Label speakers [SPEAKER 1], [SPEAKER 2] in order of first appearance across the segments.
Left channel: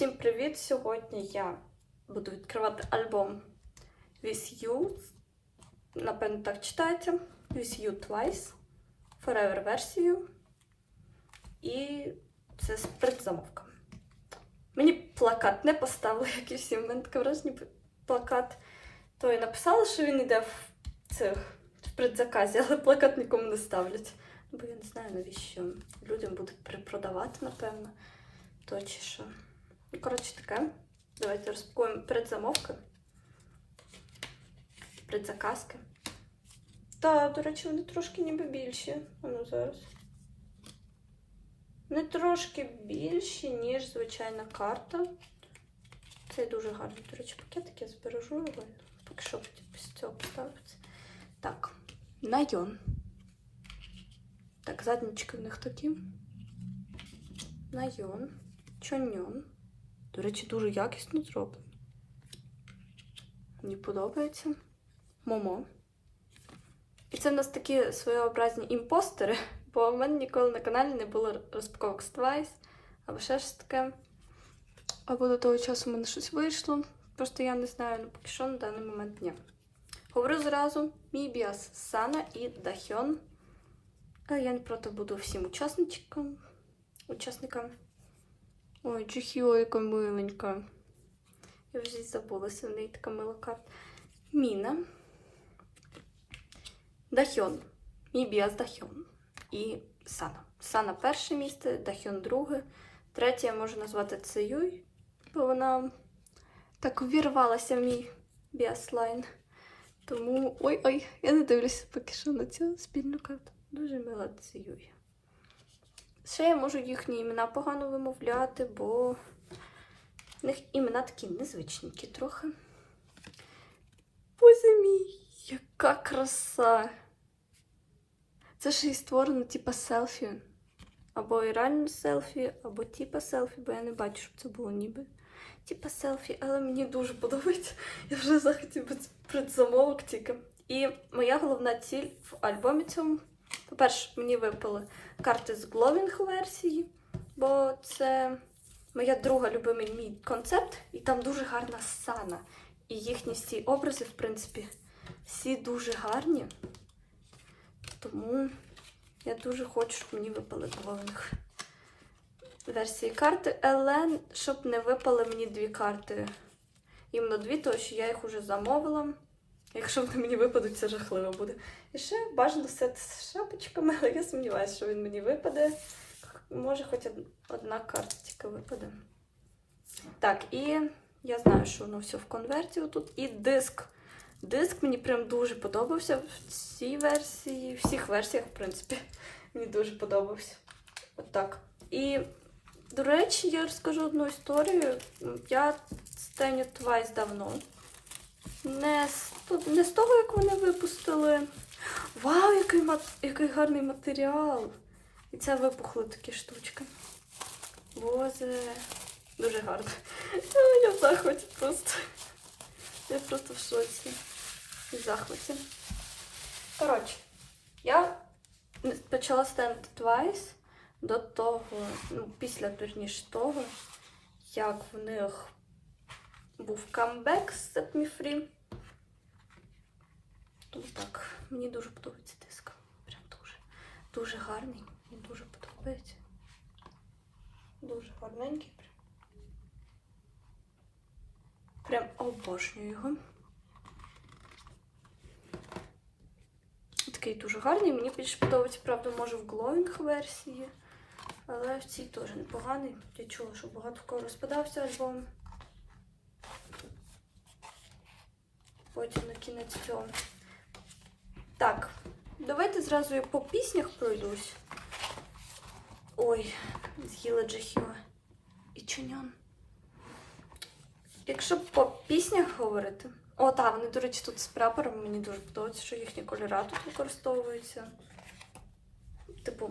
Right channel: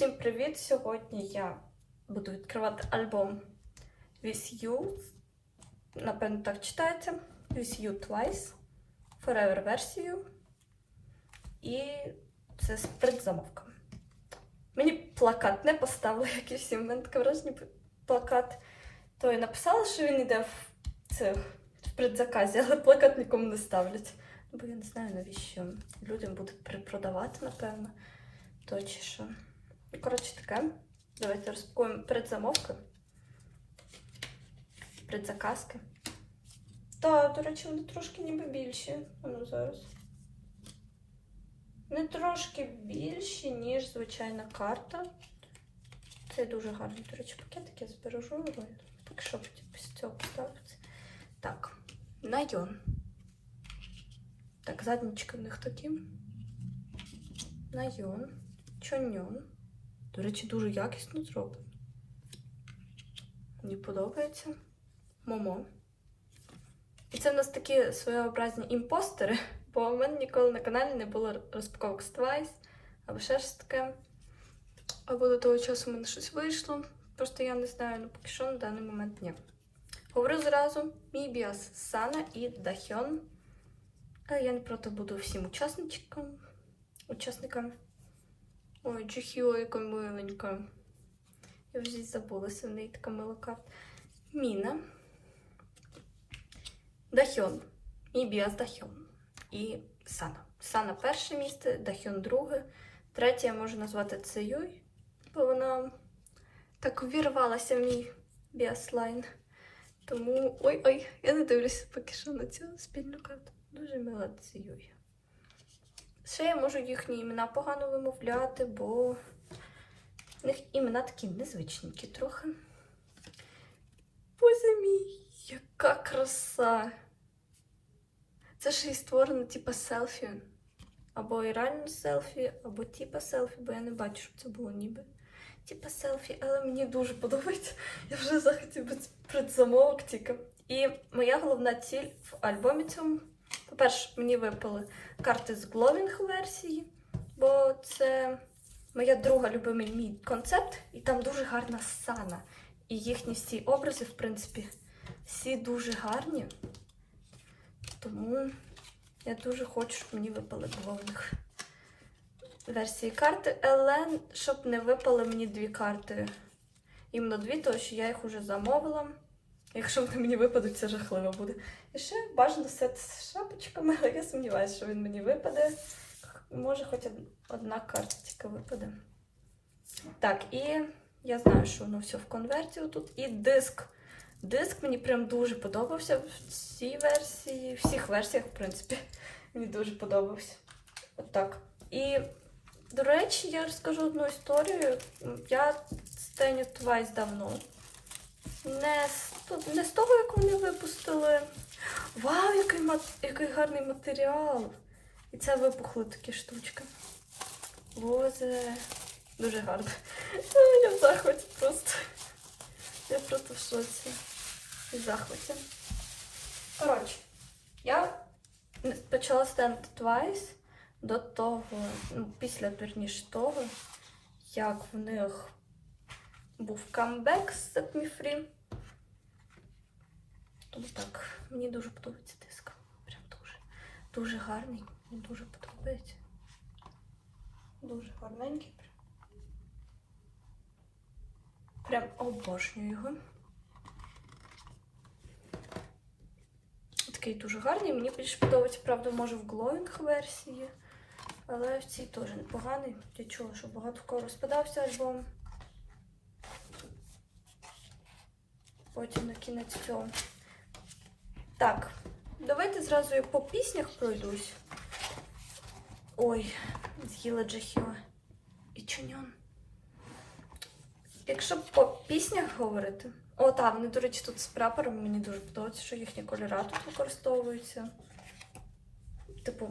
[SPEAKER 1] Всім привіт! Сьогодні я буду відкривати альбом With You. Напевно, так читається. With You Twice. Forever версію. І це з предзамовками. Мені плакат не поставили, як і всі. У мене таке враження плакат. То і написали, що він йде в цих в предзаказі, але плакат нікому не ставлять. Бо я не знаю, навіщо людям будуть перепродавати, напевно. То чи що. Коротше таке. Давайте розпакуємо предзамовки. Предзаказки. Так, до речі, вони трошки ніби більші. А ну зараз. Не трошки більші, ніж звичайна карта. Це дуже гарний, до речі, пакетик я збережу. Поки що після цього поставиться. Так, найон. Так, заднички в них такі. Найон. Чоньон. До речі, дуже якісно зроблено. Мені подобається. Момо. І це в нас такі своєобразні імпостери, бо в мене ніколи на каналі не було розпаковок з Twice, або ще щось таке. Або до того часу в мене щось вийшло. Просто я не знаю, ну поки що на даний момент ні. Говорю зразу: Мібіас, Сана і Дахьон. Але я не проти буду всім учасникам. учасникам. Ой, Джихіо, яка миленька. Я вже забулася, в неї така мила карта. Міна. Дахьон. Мібіас Дахьон. І Сана. Сана перше місце, Дахьон друге. Третє я можу назвати Цеюй, бо вона так увірвалася в мій біаслайн. Тому. Ой-ой, я не дивлюся поки що на цю спільну карту. Дуже мила Цеюй. Ще я можу їхні імена погано вимовляти, бо в них імена такі незвичненькі трохи. Боже мій, яка краса! Це ж і створено типа селфі. Або і реально селфі, або типа селфі, бо я не бачу, щоб це було ніби. Типа селфі, але мені дуже подобається. Я вже захотів предзамовок тільки. І моя головна ціль в альбомі цьому. По-перше, мені випали карти з гловінг версії, бо це моя друга любимий мій концепт, і там дуже гарна сана. І їхні всі образи, в принципі, всі дуже гарні. Тому я дуже хочу, щоб мені випали гловінг версії карти, але щоб не випали мені дві карти. Іменно дві, тому що я їх вже замовила. Якщо вони мені випадуть, це жахливо буде. І ще бажано сет з шапочками, але я сумніваюся, що він мені випаде. Може, хоч од- одна карточка випаде. Так, і я знаю, що воно все в конверті тут. І диск. Диск мені прям дуже подобався в цій версії, в всіх версіях, в принципі. Мені дуже подобався. Отак. І, до речі, я розкажу одну історію. Я стеню Twice давно. Не з, не з того, як вони випустили. Вау, який, який гарний матеріал! І це випухли такі штучки. Боже, дуже гарно. Я в захваті просто. Я просто в шоці. В захваті. Коротше, я почала стендити Twice до того, ну, після вірніше того, як в них був камбек з Free. Тому так, мені дуже подобається диск. Прям дуже. Дуже гарний. Мені дуже подобається. Дуже гарненький. Прям, прям обожнюю його. Такий дуже гарний. Мені більше подобається, правда, може в глоїнг версії. Але в цій теж непоганий. Я чула, що багато в кого розпадався альбом. Потім на кінець цього. Так, давайте зразу я по піснях пройдусь. Ой, з'їла Джахіла. І Чуньон. Якщо по піснях говорити. О, так, вони, до речі, тут з прапором мені дуже подобається, що їхні кольори тут використовуються. Типу,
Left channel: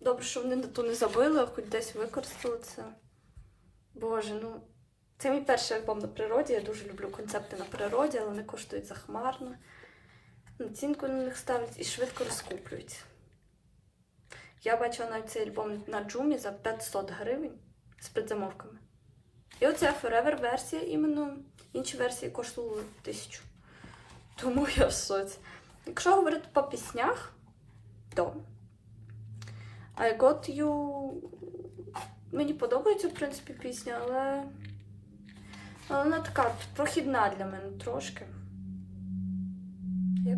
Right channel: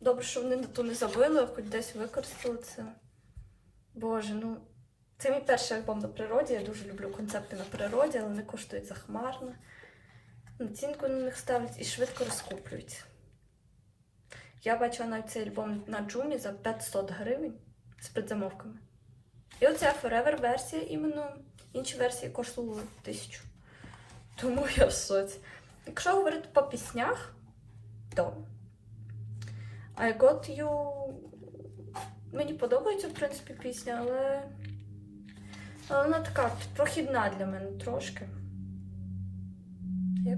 [SPEAKER 1] добре, що вони на ту не забили, хоч десь використали це. Боже, ну. Це мій перший альбом на природі. Я дуже люблю концепти на природі, але вони коштують захмарно. Націнку на них ставлять і швидко розкуплюються. Я бачила навіть цей альбом на Джумі за 500 гривень з предзамовками. І оця Forever версія іменно. Інші версії коштували тисячу. Тому я в соці. Якщо говорити по піснях, то I Got You мені подобається, в принципі, пісня, але вона така прохідна для мене трошки.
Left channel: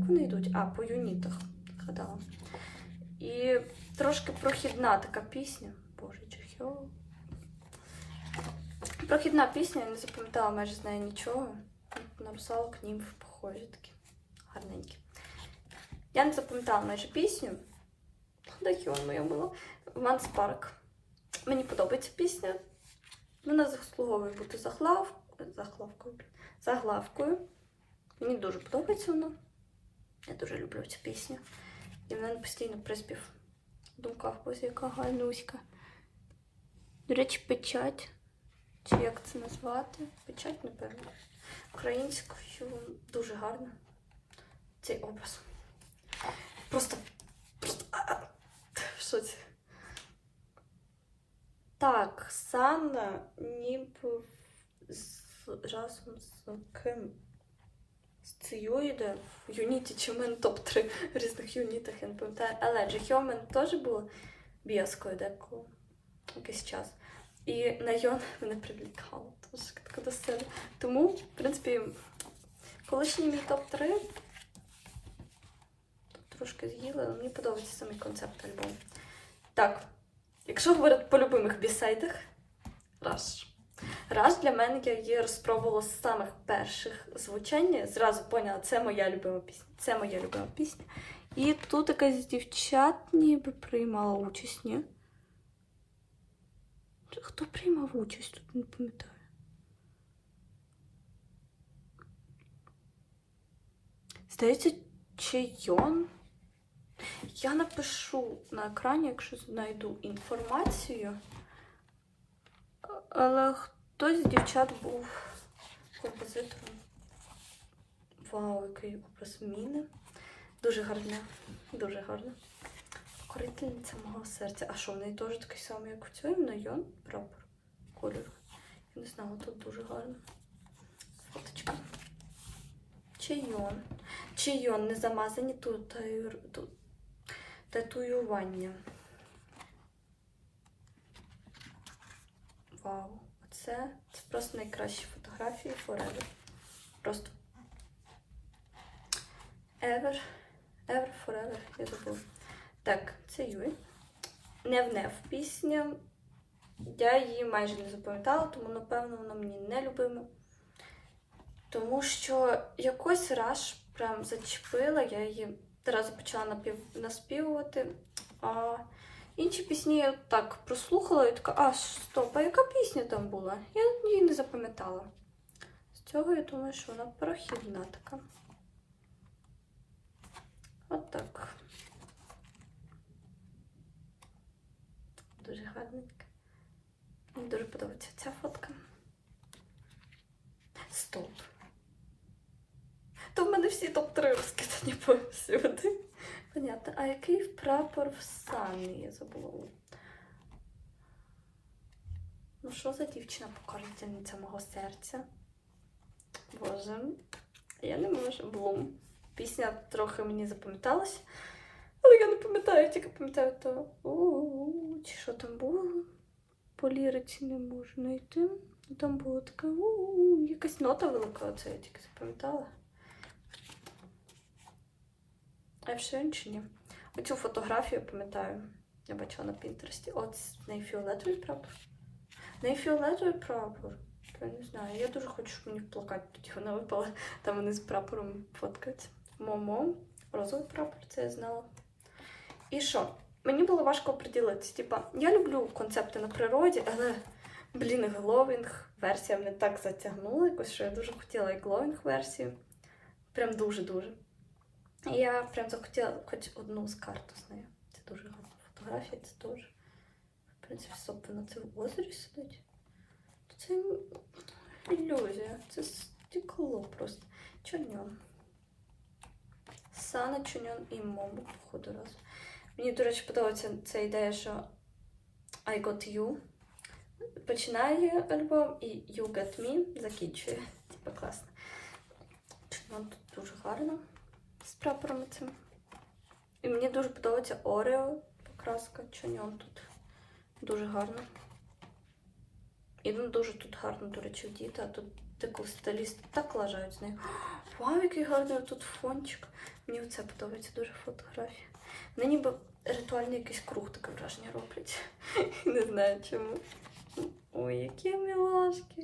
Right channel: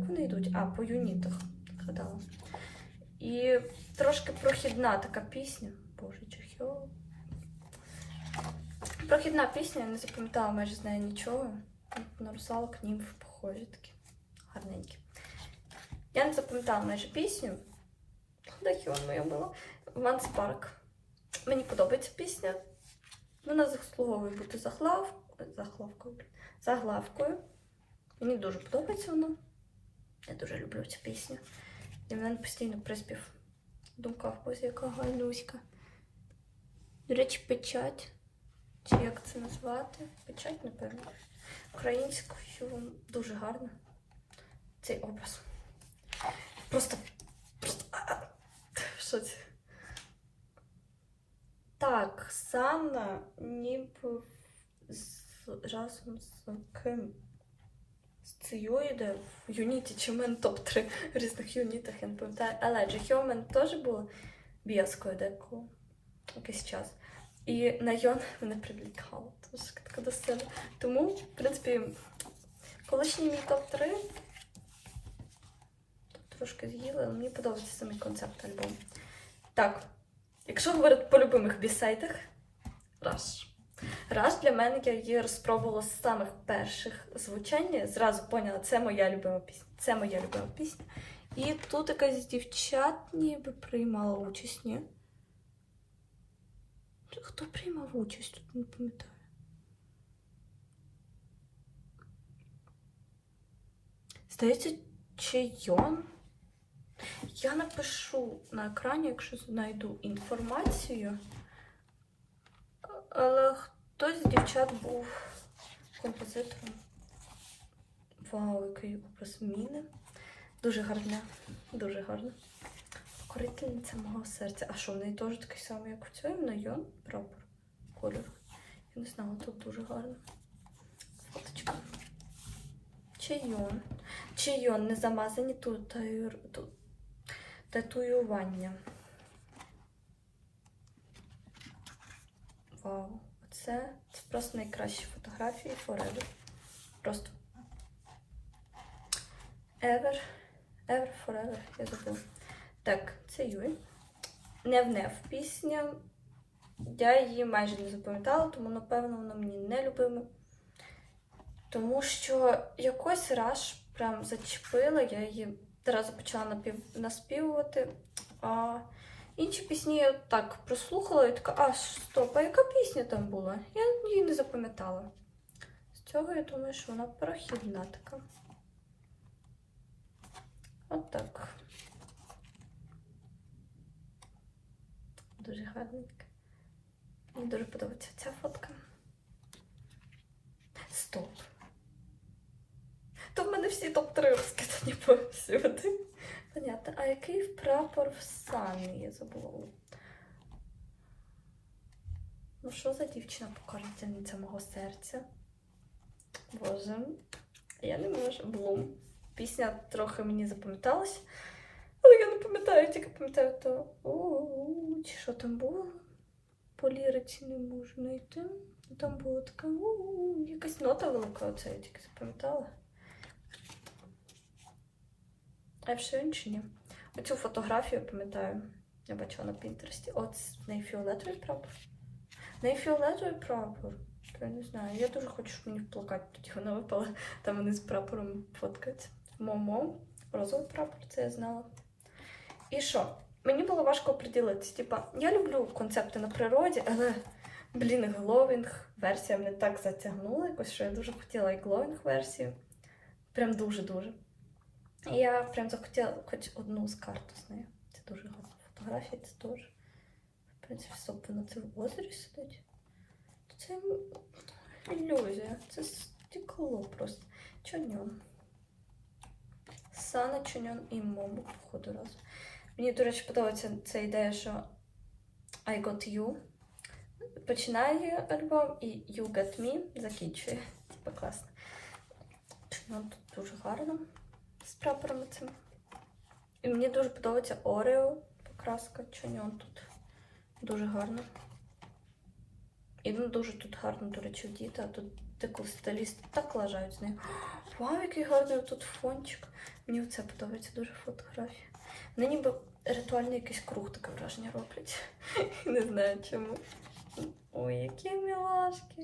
[SPEAKER 1] Вони йдуть? А, по юнітах. Згадала. І трошки прохідна така пісня. Боже, чохьо. Прохідна пісня, я не запам'ятала майже з нею нічого. Написала к ним похожі такі. Я не запам'ятала майже пісню. Де вона моя була? Ван Спарк. Мені подобається пісня. Вона заслуговує бути заглав... заглавкою. Заглавкою. Мені дуже подобається вона. Я дуже люблю цю пісню. І в мене постійно приспів. в думках, ось яка гарнуська. До речі, печать. Чи як це назвати? Печать, напевно. Українською дуже гарно. Цей образ. Просто... Що це? Так, Санна ніби з разом з ким? З цією в юніті, чи в мене топ-3 в різних юнітах, я не пам'ятаю. Але Джихьо в мене теж було біаскою деколи якийсь час. І на Йон мене привлікало. Тож така до себе. Тому, в принципі, колишній мій топ-3 трошки з'їли, але мені подобається самий концепт альбому. Так, якщо говорити по любимих бісайдах, Rush. Rush для мене я її розпробувала з самих перших звучання. Зразу поняла, це моя любима пісня. Це моя любима пісня. І тут якась дівчат ніби приймала участь, ні? Хто приймав участь? Тут не пам'ятаю. Здається, Чейон. Я напишу на екрані, якщо знайду інформацію. Але хтось з дівчат був композитором. Вау, який образ міни. Дуже гарне, дуже гарне. Корительниця мого серця. А що, в неї теж такий самий, як у цьому Найон прапор кольору. Я не знала, тут дуже гарно. Фоточка. Чайон. Чайон, не замазані тут татуювання. Вау, оце це просто найкращі фотографії Forever. Просто Ever, Ever, Forever, я забула. Так, це Юй. Не внев пісня. Я її майже не запам'ятала, тому, напевно, вона мені не любима. Тому що якось раз прям зачепила, я її одразу почала напів... наспівувати. А інші пісні я так прослухала і така, а стоп, а яка пісня там була? Я її не запам'ятала. З цього я думаю, що вона прохідна така. От так. Дуже гарненька. Мені дуже подобається ця фотка. Стоп. То в мене всі топ-3 розкидані повсюди. Понятно. А який прапор в Сані? Я забула. Ну, що за дівчина покорительниця мого серця? Боже, я не можу. Блум. Пісня трохи мені запам'яталась, але я не пам'ятаю, тільки пам'ятаю то. У-у-у, Чи що там було? По ліриці не можу знайти. Там було таке у-у-у, якась нота велика, оце я тільки запам'ятала. А все інше ні. Оцю фотографію пам'ятаю. Я бачила на Пінтересті. От з неї фіолетовий прапор. Неї фіолетовий прапор. Я не знаю. Я дуже хочу, щоб мені в плакат тоді вона випала. Там вони з прапором фоткаються. Момо, розовий прапор, це я знала. І що? Мені було важко приділитися. Типа, я люблю концепти на природі, але, блін, гловінг версія мене так затягнула, якось, що я дуже хотіла і гловінг версію. Прям дуже-дуже. Я прям захотіла хоч одну з карту з нею. Це дуже гарна фотографія, це теж. В принципі, стоп, на це в озері сидить. Це ілюзія, це стекло просто. Чоньон. Сана, Чоньон і Момо, походу разом. Мені, до речі, подобається ця ідея, що I got you. починає альбом і You Got Me закінчує. Типа класно. Чуньон тут дуже гарно з прапорами цим. І мені дуже подобається Орео покраска Чуньон тут. Дуже гарно. І ну, дуже тут гарно, до речі, діти, а тут таку стиліст так лажають з нею. Вау, який гарний тут фончик. Мені це подобається дуже фотографія. Вони ніби ритуальний якийсь круг таке враження роблять. Не знаю чому. Ой, які мілашки.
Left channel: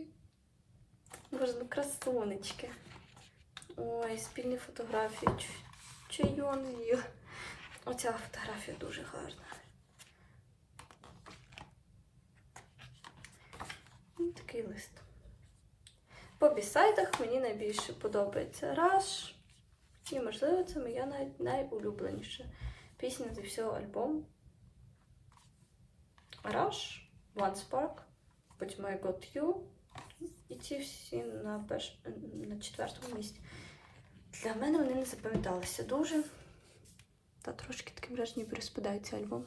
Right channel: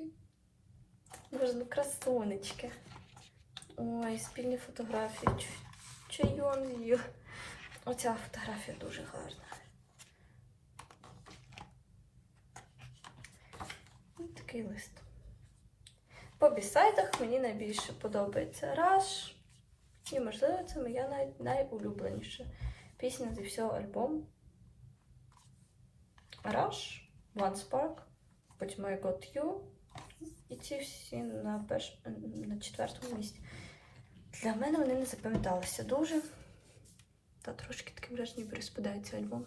[SPEAKER 1] Боже, ну красунечки. Ой, спільні фотографії. Чайон з'їв. Оця фотографія дуже гарна. Ось Такий лист. По бісайдах мені найбільше подобається Rush. І, можливо, це моя най- найулюбленіша пісня зі всього альбому. Rush, One Spark, потім I Got You. І ці всі на, перш... на четвертому місці. Для мене вони не запам'яталися дуже. Та трошки таке враження, ніби розпадається альбом.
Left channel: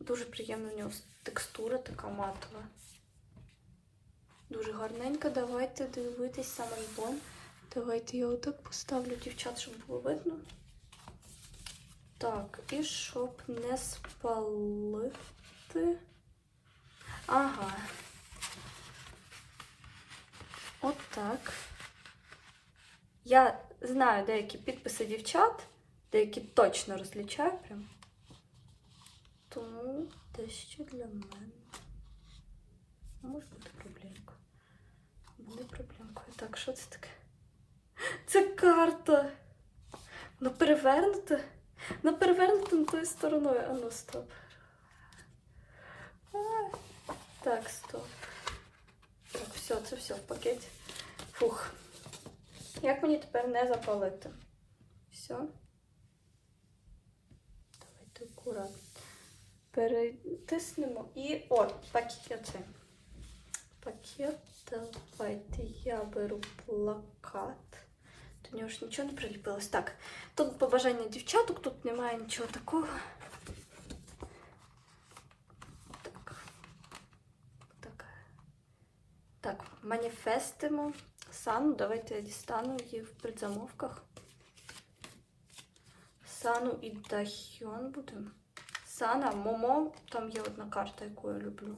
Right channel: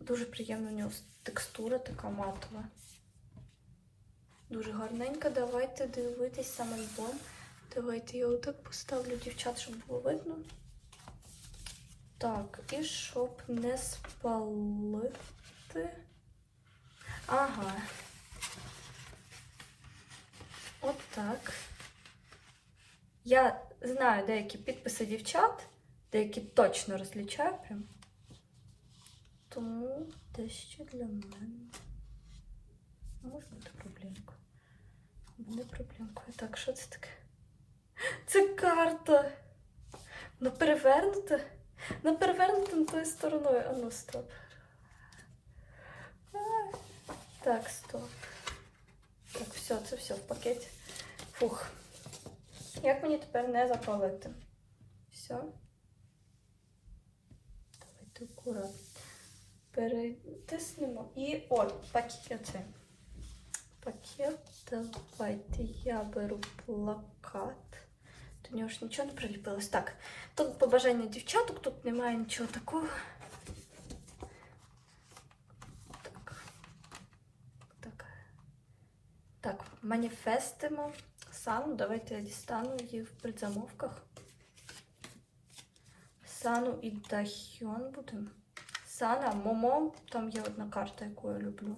[SPEAKER 1] Дуже приємна у нього текстура така матова. Дуже гарненька. Давайте дивитись сам альбом. Давайте я отак поставлю дівчат, щоб було видно. Так, і щоб не спалити. Ага. От так. Я знаю деякі підписи дівчат, деякі точно розлічаю прям. Тому дещо для мене. Може бути проблемка. Буде проблемкою. Так, що це таке? Це карта. Вона перевернута. Вона перевернута не тою стороною. А ну стоп. Ай. Так, стоп. Так, все, це все в пакеті. Фух. Як мені тепер не запалити? Все. Давайте акуратно. Перетиснемо. І о, пакет. Пакет. Давайте я беру плакат. До нього ж нічого не приліпилось. Так, тут побажання дівчаток, тут немає нічого такого. Так. Так. Так, маніфестимо. Сану, давайте я дістану її в предзамовках. Сану і Дахьйон будемо. Сана, Момо, там є одна карта, яку я люблю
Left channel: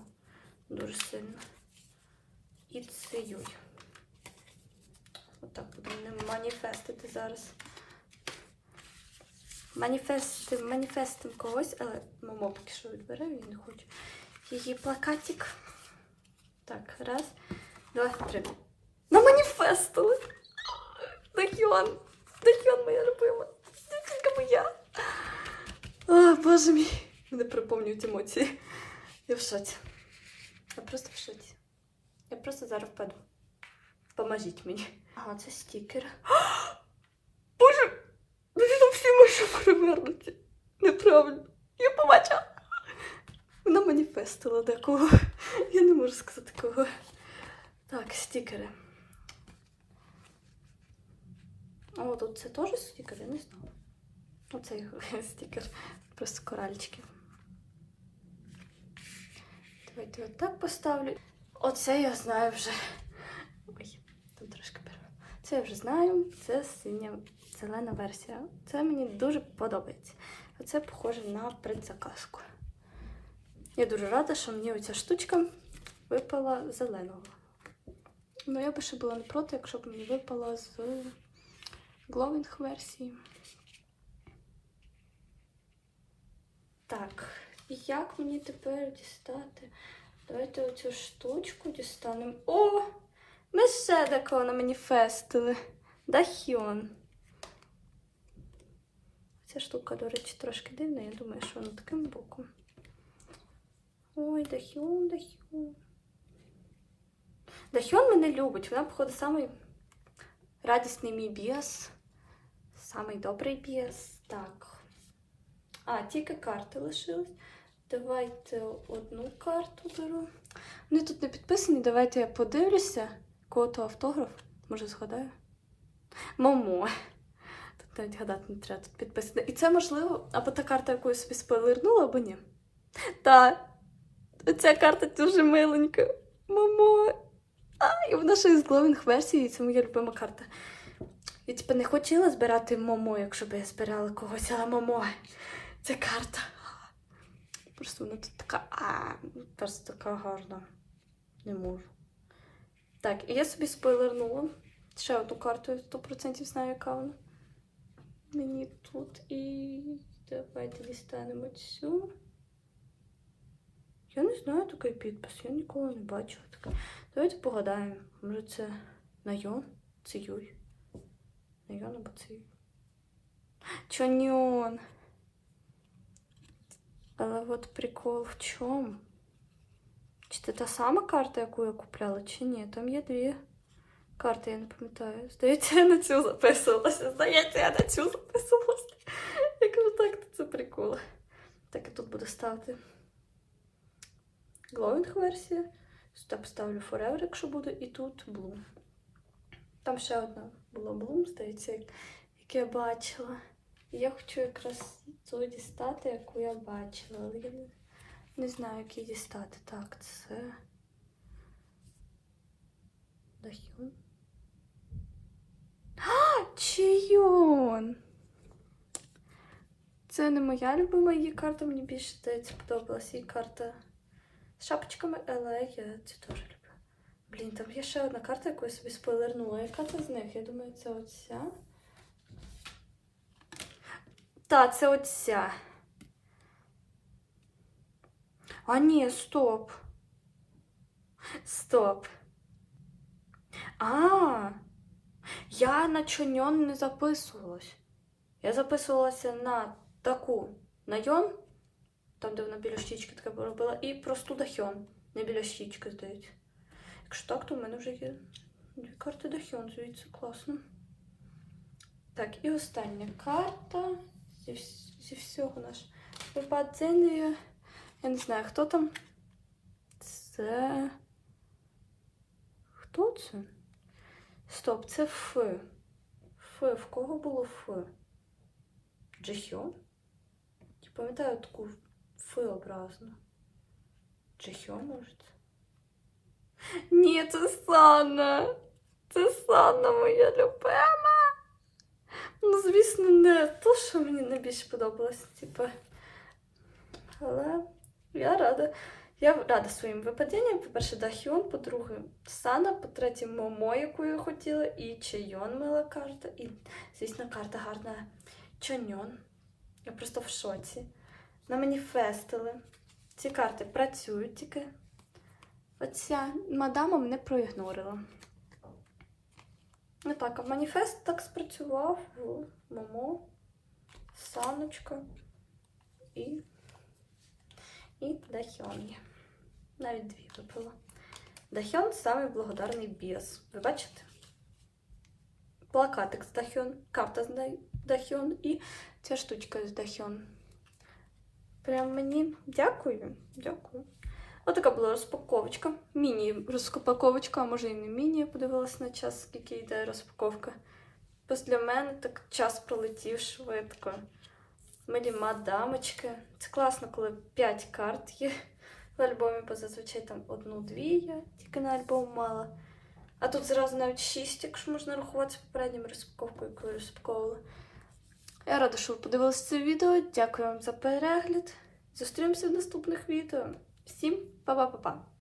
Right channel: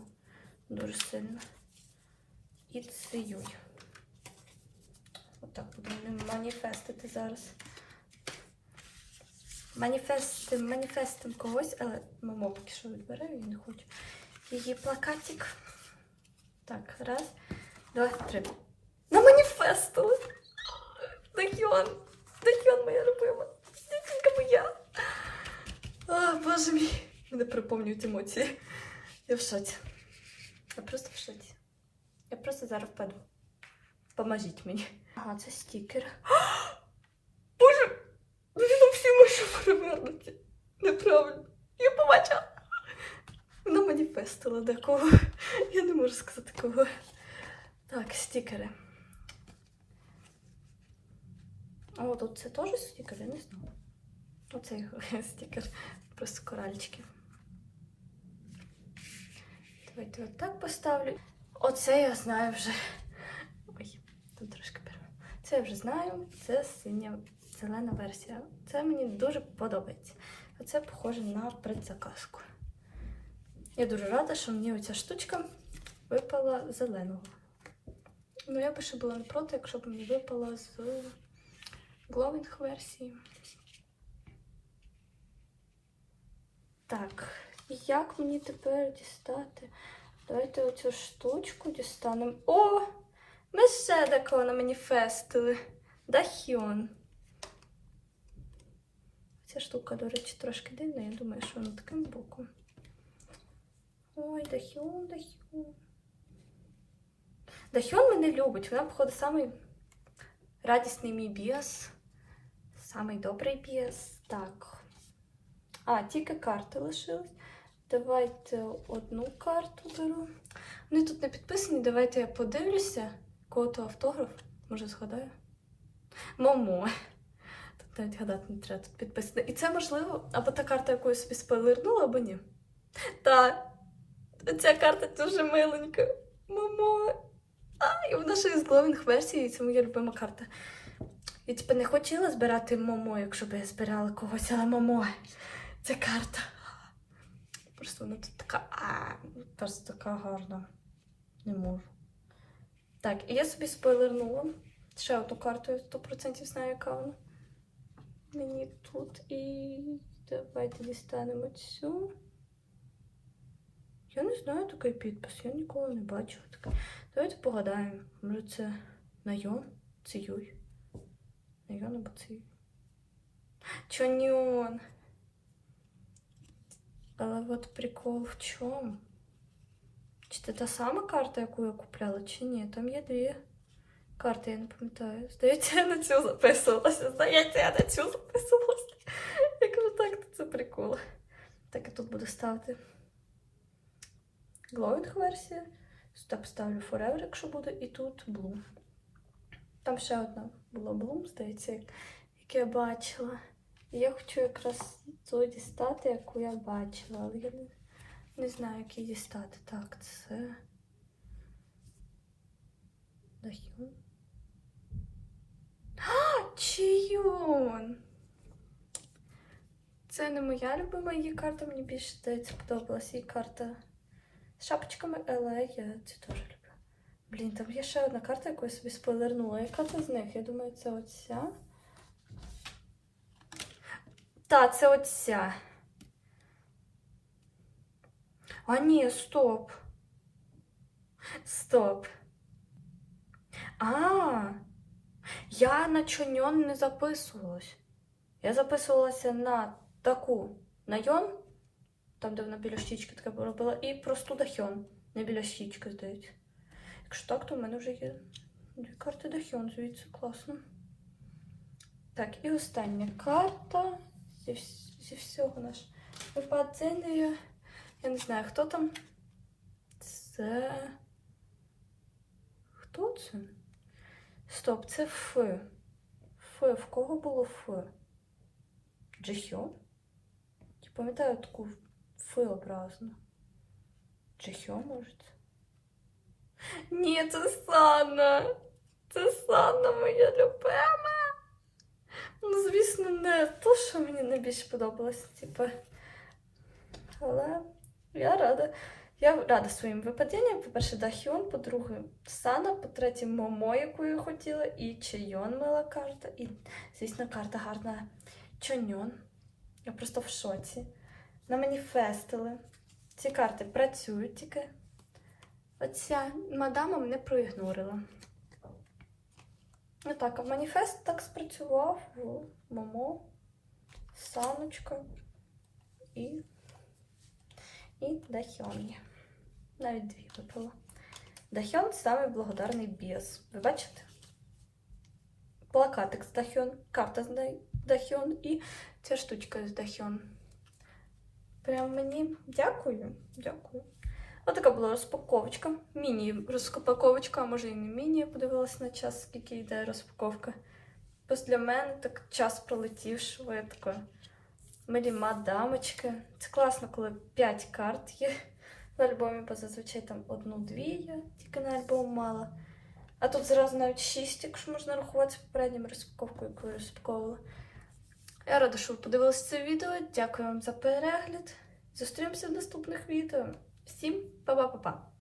[SPEAKER 1] дуже сильно. І Цвіюй. Отак будемо маніфестити зараз. Маніфестим, маніфестим когось, але Момо поки що відбере, він не хоче. Її плакатик. Так, раз, два, три. Маніфестили! Дахьйон! Дахьйон моя любима! Дівчинка моя! О, боже мій! Мене приповнюють емоції. Я в шоці. Я просто в шоці. Я просто зараз впаду. Поможіть мені. Ага, це стікер. Боже! Там всі машини перевернуті. Неправильно. Я побачила. Вона маніфестила декого. Я не можу сказати кого. Так, стікери. О, тут це теж стікер, я не знаю. Оцей стікер. Просто коральчики. Давайте отак поставлю. Оце я знаю вже. Ой, тут трошки перерва. Це я вже знаю. Це синя зелена версія. Це мені дуже подобається. Оце похоже на предзаказку. Я дуже рада, що мені оця штучка випала зеленого. Ну, я би ще була не проти, якщо б мені випала з гловінг версії. Так, як мені тепер дістати? Давайте оцю штучку дістанемо. О! Ми такого на маніфестили. Дахіон. Ця штука, до речі, трошки дивна. Я думаю, що вона таким боком. Ой, Дахіон, Дахіон. Дахіон мене любить. Вона, походу, самий радісний мій біас. Самий добрий біас. Так. А, тільки карти лишились. Давайте одну карту беру. Вони тут не підписані. Давайте я подивлюся. Кого то автограф. Може, згадаю. Момо. Тут навіть гадати не треба тут підписано. І це можливо, або та карта, яку собі спойлернула, або ні. Та Оця карта дуже миленька. Мамо. А, і вона ще із гловінг версії, і це моя любима карта. Я типу не хотіла збирати Момо, якщо б я збирала когось, але Момо. Ця карта. Просто вона тут така. А, просто така гарна. Не можу. Так, і я собі спойлернула. Ще одну карту, я 100% знаю, яка вона. Мені тут і. Давайте дістанемо цю. Я не знаю такий підпис, я ніколи не бачила таке. Давайте погадаємо. Може це Найон? Це Юй. Найон або Юй. Чоньон. Але от прикол в чому? Чи це та сама карта, яку я купляла, чи ні? Там є дві карти, я не пам'ятаю. Здається, я на цю записувалася. Здається, я на цю записувалася. Я кажу, так, це прикол. Так, я тут буду ставити глоїнг версія. Сюди поставлю Forever, якщо буде, і тут Bloom. Там ще одна була Bloom, здається, як, я бачила. Я хочу якраз ту дістати, яку я бачила, але я не, знаю, як її дістати. Так, це. Дахіон. А, Чийон! Це не моя любима її карта, мені більше здається, подобалася її карта з шапочками, але я це теж люблю. Блін, там є ще одна карта, яку я собі спойлернула. Яка це з них? Я думаю, це оця. Та, це оця. А ні, стоп. Стоп. А, я на чоньон не записувалась. Я записувалася на таку найон, там, де вона біля щічки таке робила, і просту дахьон, не біля щічки, здається. Якщо так, то в мене вже є дві карти дахьон, звідси класно. Так, і остання карта зі, зі всього наш випадення. Я не знаю, хто там. Це. Хто це? Стоп, це Ф. Ф. В кого було Ф? Джихьон? Я пам'ятаю таку Ф образну. Джихьон, може? це? Ні, це Сана. Це Сана моя любима. Ну, звісно, не то, що мені найбільше подобалося, типу. Але я рада. Я рада своїм випадінням. По-перше, Дахіон, по-друге, Сана, по-третє, Момо, яку я хотіла, і Чайон мила карта, і, звісно, карта гарна Чоньон. Я просто в шоці. На маніфестили. Ці карти працюють тільки. Оця мадама мене проігнорила. Ну так, а маніфест так спрацював Момо, Саночка і, і Дахьон. Навіть дві випила. Дахьон самий благодарний біс. Ви бачите? Плакатик з Дахьон, карта з Дахьон і ця штучка з Дахьон. Прям мені дякую. Дякую. Отака була розпаковочка. Міні-розпаковочка, а може і не міні. Я подивилася на час, скільки йде розпаковка. Ось для мене так час пролетів швидко. Милі мадамочки. Це класно, коли 5 карт є в альбомі, бо зазвичай там одну-дві я тільки на альбом мала. А тут зразу навіть 6, якщо можна рахувати попередньою розпаковкою, яку я розпаковувала. Я рада, що ви подивилися це відео. Дякую вам за перегляд. Зустрінемося в наступних відео. Всім па-па-па-па!